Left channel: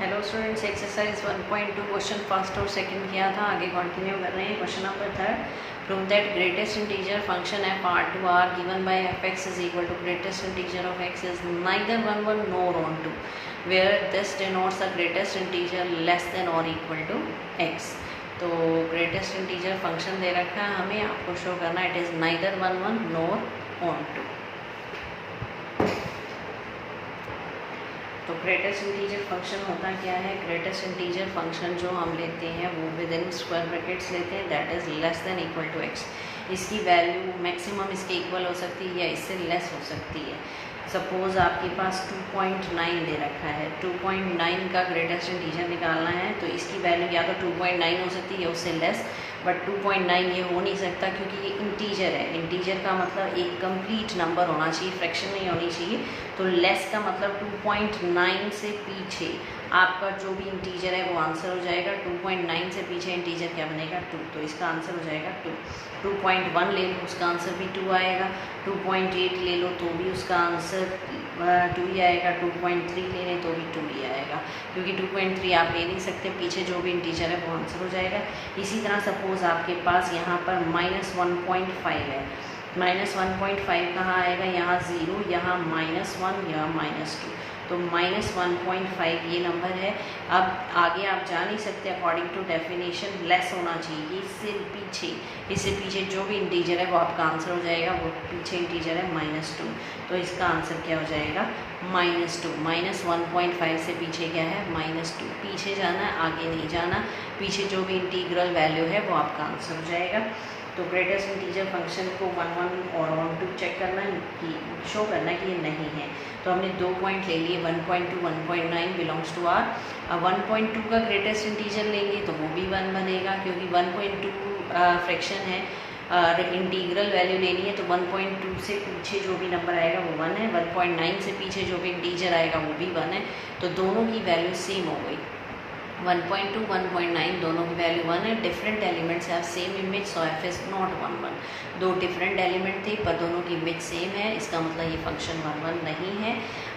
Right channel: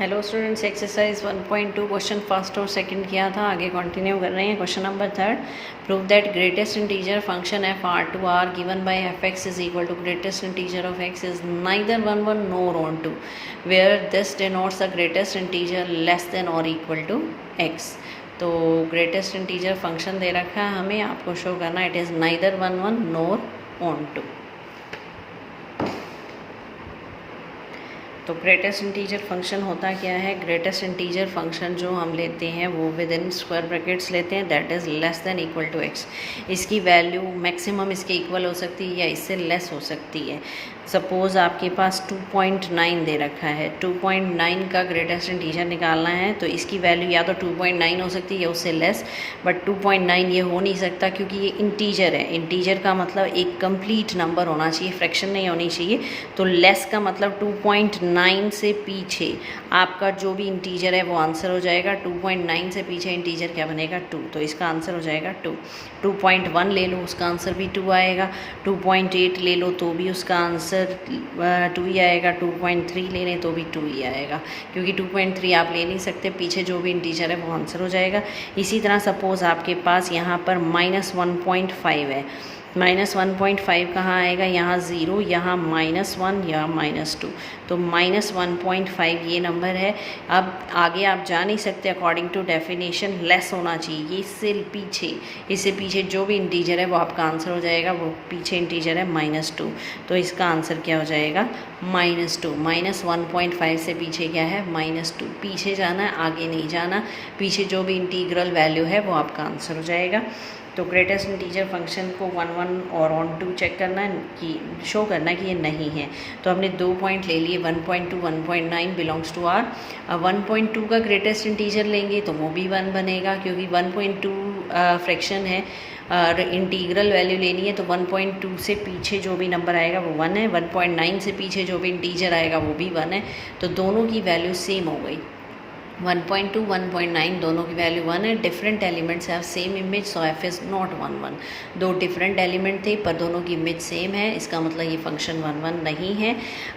Hello students, exercise 1.2 question first और second किया था, आगे कंटिन्यू कर रहे हैं। Question number third, prove that greatest integer function f R to R given by f x is equal to greatest integer of x is neither 1 1 nor on 2 where this denotes the greatest integer less than और equal to x. तो greatest integer function दे रखा है हमें, आपको show करना it is neither 1 1 nor on 2। तो greatest integer function होता क्या है? ग्रेटेस्ट इंटीजर फंक्शन जो हम लेते हैं वो विद इन स्क्वायर ब्रैकेट्स लेते हैं, that is less than equal to x. इसकी वैल्यू मैक्सिमम इसके इक्वल हो सकती है या इससे लेस हो सकती है। सपोज़ आपके पास 2.9 दे रखा है, 2.9 का ग्रेटेस्ट इंटीजर निकालना है, तो इसकी वैल्यू या तो 2.9 हो सकती है या उससे लेस, बट 2.9 ये हो नहीं सकता क्योंकि ये इंटीजर है। इंटीजर का मतलब एक कंप्लीट नंबर होना चाहिए, फ्रैक्शन नहीं होनी चाहिए। तो लेस का मतलब 2.9 से पीछे आपका जो भी इंटीजर है वो आंसर हो जाएगा। 2.9 से पीछे इंटीजर क्या बनेगा? 2, तो इसका आंसर हो जाएगा 2। 2.1 ले लो, उसका आंसर भी 2 आएगा। 2.8 ले लो तो भी उसका आंसर 2 ही आएगा। 2.3 ले लें तो भी 2 ही आएगा, क्योंकि 2.3 आप ले नहीं सकते, पीछे जो भी इंटीजर है वो आंसर हो जाएगा। इसी तरह सपोज़ आपके पास यहाँ पर -1.5 है, -1.5 कहाँ आएगा? यहाँ 0, यहाँ -1, यहाँ -2, तो -1.5 ये नंबर है। अब आगे आप जा नहीं सकते, अकॉर्डिंग टू डेफिनेशन लेस होना चाहिए। इससे पीछे जो भी इंटीजर है वो आपका आंसर हो जाएगा। वो पीछे इंटीजर है -2, तो इसका आंसर क्या हो जाएगा? -2। -1.5 से पीछे क्या है? -2। पीछे जाना है, आगे नहीं जाना। पीछे जो भी इंटीग्रल वैल्यू है वो आपका आंसर हो जाएगा। तो ग्रेटेस्ट इंटीजर फंक्शन को 1 1 और ऑन 2 चेक करना है कि शो करना है कि ये नहीं है। तो हमने 2 पॉइंट ले लिए, 1.2 1.9 बिलोंग्स टू आर। 1.2 का ग्रेटेस्ट इंटीजर लेंगे तो वो भी 1 बनेगा, क्योंकि 1.2 फ्रैक्शन है। इंटीग्रल वैल्यू लेनी है तो 1.2 से पीछे जो भी नंबर आएगा वो 1 है। 1.9 से पीछे जो भी इंटीजर आएगा वो भी 1 है। तो दोनों की वैल्यू सेम हो गई। 1.2 1.9 दोनों की वैल्यू 1 है। Different elements have same image, so F is not 1 1। दो डिफरेंट एलिमेंट थे पर दोनों की इमेज सेम है, इसका मतलब ये फंक्शन 1 1 नहीं है।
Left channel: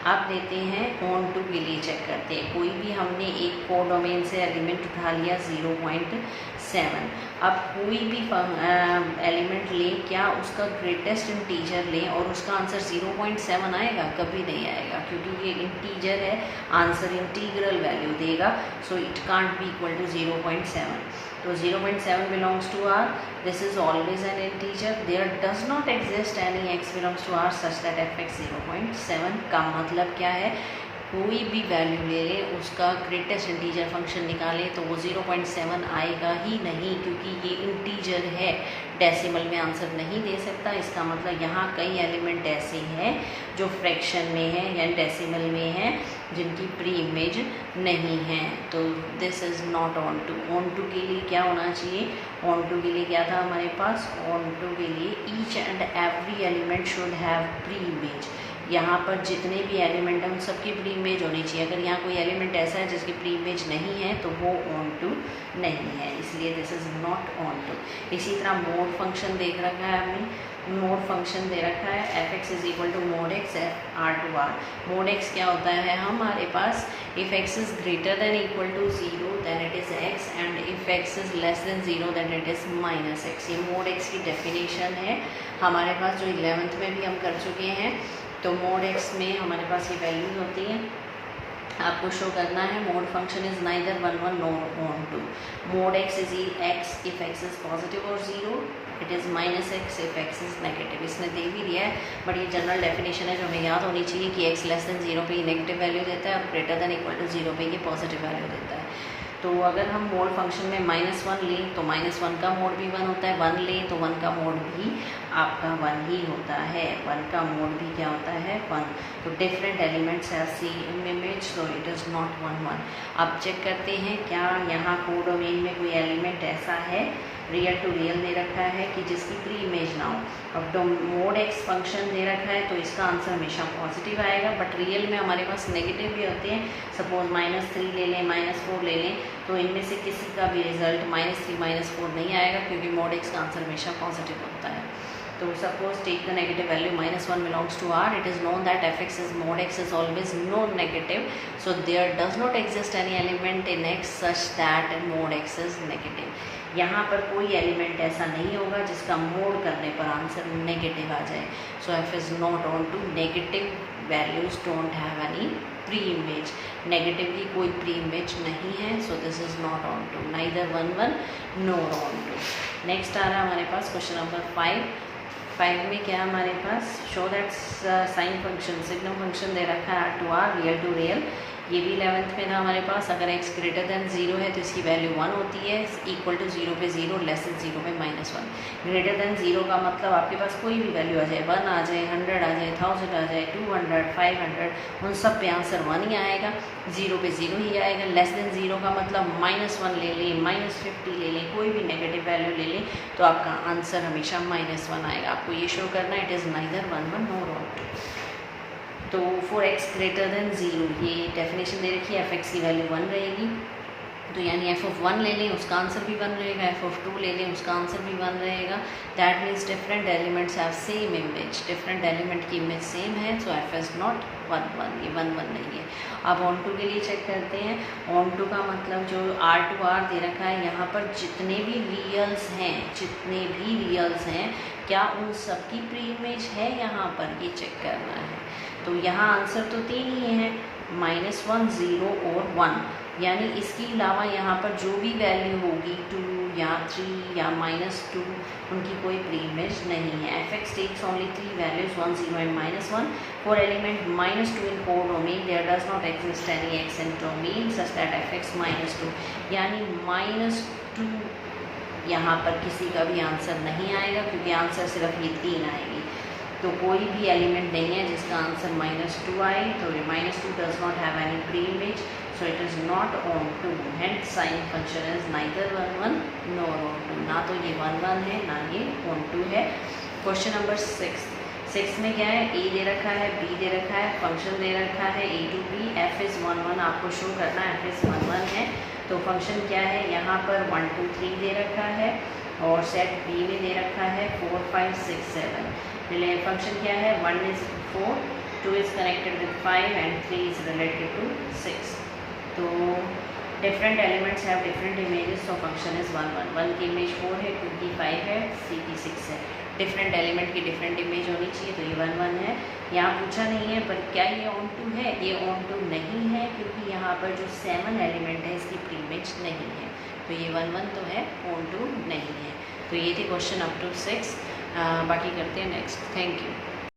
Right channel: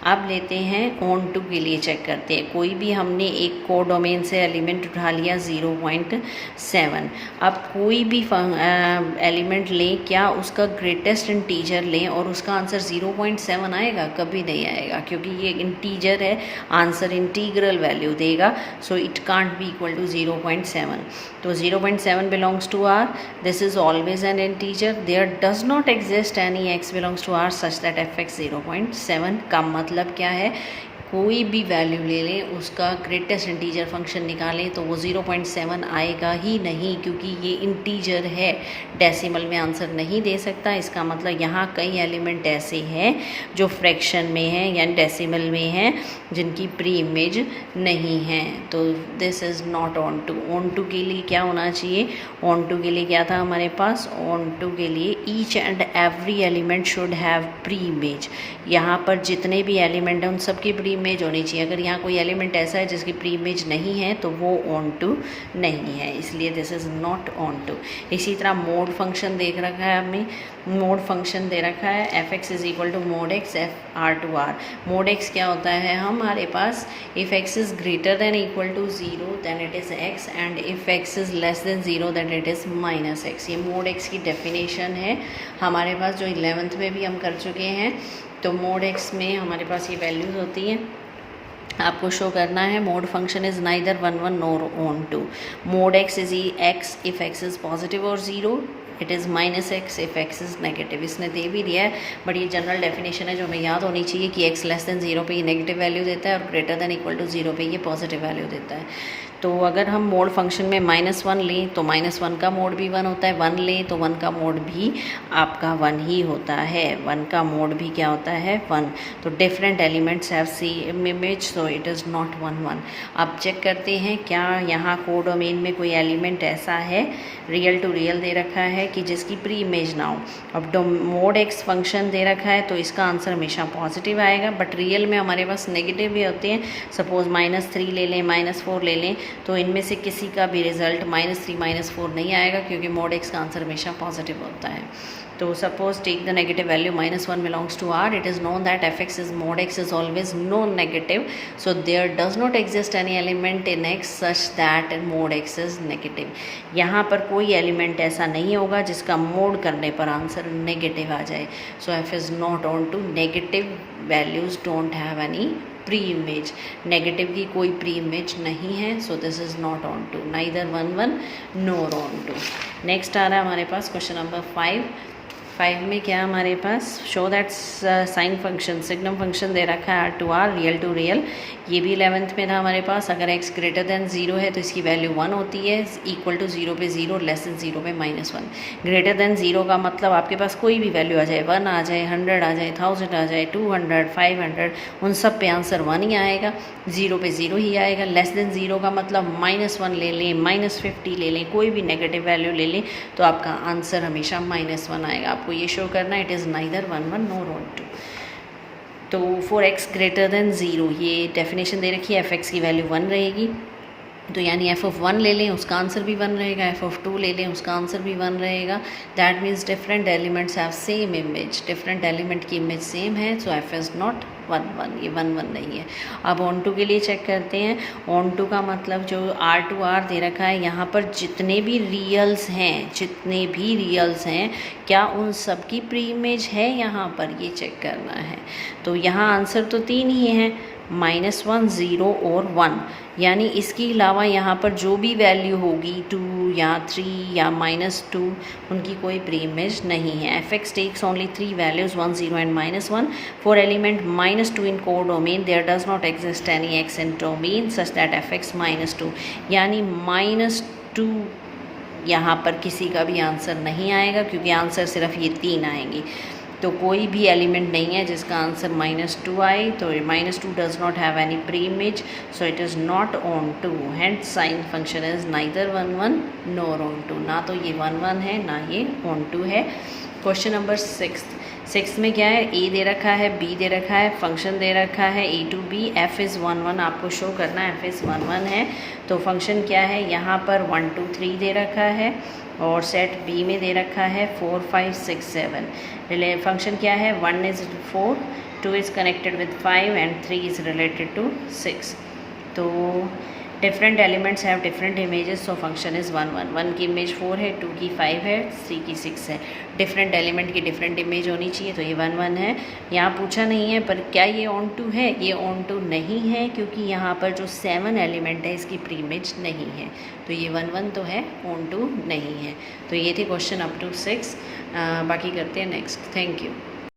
अब लेते हैं ऑन 2 के लिए चेक करते हैं। कोई भी हमने एक कोडोमेन से एलिमेंट उठा लिया 0.7। अब कोई भी एलिमेंट लें, क्या उसका ग्रेटेस्ट इंटीजर लें और उसका आंसर 0.7 आएगा? कभी नहीं आएगा, क्योंकि ये इंटीजर है, आंसर इंटीग्रल वैल्यू देगा। सो it can't be equal to 0.7. तो 0.7 belongs to R. This is always an integer. There does not exist any x belongs to R such that fx 0.7 का मतलब क्या है? कोई भी वैल्यू ले ले, उसका ग्रेटेस्ट इंटीजर फंक्शन निकालें तो वो 0.7 आएगा ही नहीं, क्योंकि ये इंटीजर है, डेसिमल में आंसर नहीं दे सकता। इसका मतलब यहाँ कई एलिमेंट ऐसे हैं जो फ्रैक्शन में हैं या डेसिमल में हैं, जिनकी प्री इमेज नहीं है। तो this is not on 2। On 2 के लिए क्या होना चाहिए? ऑन 2 के लिए क्या था हमारे पास? ऑन 2 के लिए each and every element should have pre image. यहाँ पर जितने भी एलिमेंट हैं उन सबकी प्री इमेज होनी चाहिए। अगर यहाँ कोई एलिमेंट ऐसा है जिसकी प्री इमेज नहीं है तो वो ऑन 2 नहीं है, इसलिए दिस इज़ नॉट ऑन 2। इसी तरह मोड फंक्शन देख रखा है हमने, मोड फंक्शन दे रखा है F x is equal to mod X F R to R. Mod X क्या होता है हमारे पास? If X is greater than equal to 0 then it is X, and if X is less than 0 then it is -x। ये mod X की definition है हमारे पास, जो 11th में भी हम कर चुके हैं। तो मोड एक्स में हमारे पास ये वैल्यूज़ होती हैं, आपको शो करना है। Mode function is neither 1 1 nor on 2। Mode x is x if x is positive और 0, it is -x if x is negative. इसने दे भी दिया है, बट ये जनरल डेफिनेशन है जो हमें याद होनी चाहिए कि x लेस देन 0 पे ये नेगेटिव वैल्यू देता है और ग्रेटर देन इक्वल टू 0 पे ये पॉजिटिव वैल्यू देता है। तो अगर हम मोड फंक्शन में -1 लें तो -1 का मोड भी 1 होता है, 1 लें तो 1 का मोड भी आपका 1 ही होता है। 1 का मोड भी क्या होता है? 1। तो different elements have same image, so it is not 1 1। अब चेक करते हैं क्या यहाँ कोडोमेन में कोई एलिमेंट ऐसा है, रियल टू रियल दे रखा है, कि जिसकी प्री इमेज ना हो। अब मोड एक्स फंक्शन दे रखा है तो इसका आंसर हमेशा पॉजिटिव आएगा, बट रियल में हमारे पास नेगेटिव भी होते हैं। सपोज -3 ले लें, -4 ले लें, तो इनमें से किसी का भी रिजल्ट -3 -4 नहीं आएगा, क्योंकि mod x का आंसर हमेशा पॉजिटिव होता है। तो suppose take the negative value -1 belongs to R. It is known that fx is mod x is always non-negative, so there does not exist any element in x such that mod x is negative. यहाँ पर कोई element ऐसा नहीं होगा जिसका mode करने पर answer negative आ जाए। सो f is not on to negative values don't have any preimage, negative की कोई प्री इमेज नहीं है, so this is not onto, neither 1 1 nor onto. Next आ रहा है हमारे पास क्वेश्चन नंबर 5 में क्या है हमारे पास, show that sine function signum function दे रखा है R2R रियल टू रियल। ये भी 11th में था हमारे पास। अगर x ग्रेटर देन 0 है तो इसकी वैल्यू 1 होती है, इक्वल टू 0 पे 0, लेस देन 0 पे -1। ग्रेटर देन 0 का मतलब आपके पास कोई भी वैल्यू आ जाए, 1 आ जाए, 100 आ जाए, 1000 आ जाए, 200, 500, उन सब पे आंसर 1 ही आएगा, 0 पे 0 ही आएगा। लेस देन 0 का मतलब -1 ले लें, -50 ले लें, कोई भी नेगेटिव वैल्यू ले लें तो आपका आंसर हमेशा -1 आएगा। आपको ये शो करना है it is neither 1 1 nor onto. तो फॉर x ग्रेटर देन 0 ये डेफिनेशन दे रखी है, fx की वैल्यू 1 रहेगी, तो यानी f(1) ले लें उसका आंसर भी 1 रहेगा, f(2) ले लें उसका आंसर भी 1 रहेगा। That means different elements have same image, different element की इमेज सेम है, सो f इज़ नॉट 1 1, ये 1 1 नहीं है। अब ऑन टू के लिए चेक करते हैं। ऑन टू का मतलब जो R2R दे रखा है, यहाँ पर जितने भी रियल्स हैं क्या उन सब की प्री इमेज है यहाँ पर, ये चेक करना है। तो यहाँ आंसर तो 3 ही है, -1 0 और 1, यानी इसके अलावा यहाँ पर जो भी वैल्यू होगी 2 या 3 या -2 उनकी कोई प्री इमेज नहीं है। fx takes only 3 values 1 0 and -1 for element -2 in codomain there does not exist any x in domain such that fx -2, यानी -2 यहाँ पर किसी का भी आंसर नहीं आएगा, क्योंकि आंसर सिर्फ ये 3 आएंगी। तो कोई भी एलिमेंट नहीं है जिसका आंसर -2 आए, तो -2 does not have any preimage, so it is not onto, hence sine function is neither 1 1 nor onto. ना तो ये 1 1 है ना ये ऑन टू है। क्वेश्चन नंबर 6 में क्या है, a दे रखा है, b दे रखा है, फंक्शन दे रखा है a to b, f is 1 1, आपको शो करना है f इज़ 1 1 है। तो फंक्शन क्या है, यहाँ पर 1 2 3 दे रखा है और सेट b में दे रखा है 4 5 6 7। फंक्शन क्या है, 1 is 4, 2 is connected with 5 and 3 is related to 6। तो different elements have different images, so function is 1 1। 1 की इमेज 4 है, 2 की 5 है, 3 की 6 है। डिफरेंट एलिमेंट की डिफरेंट इमेज होनी चाहिए, तो ये 1 1 है। यहाँ पूछा नहीं है पर क्या ये ऑन टू है, ये ऑन टू नहीं है, क्योंकि यहाँ पर जो 7 एलिमेंट है इसकी प्री इमेज नहीं है, तो ये 1 1 तो है, ऑन टू नहीं है। तो ये थे क्वेश्चन अप टू 6। बाकी करते हैं नेक्स्ट। Thank you.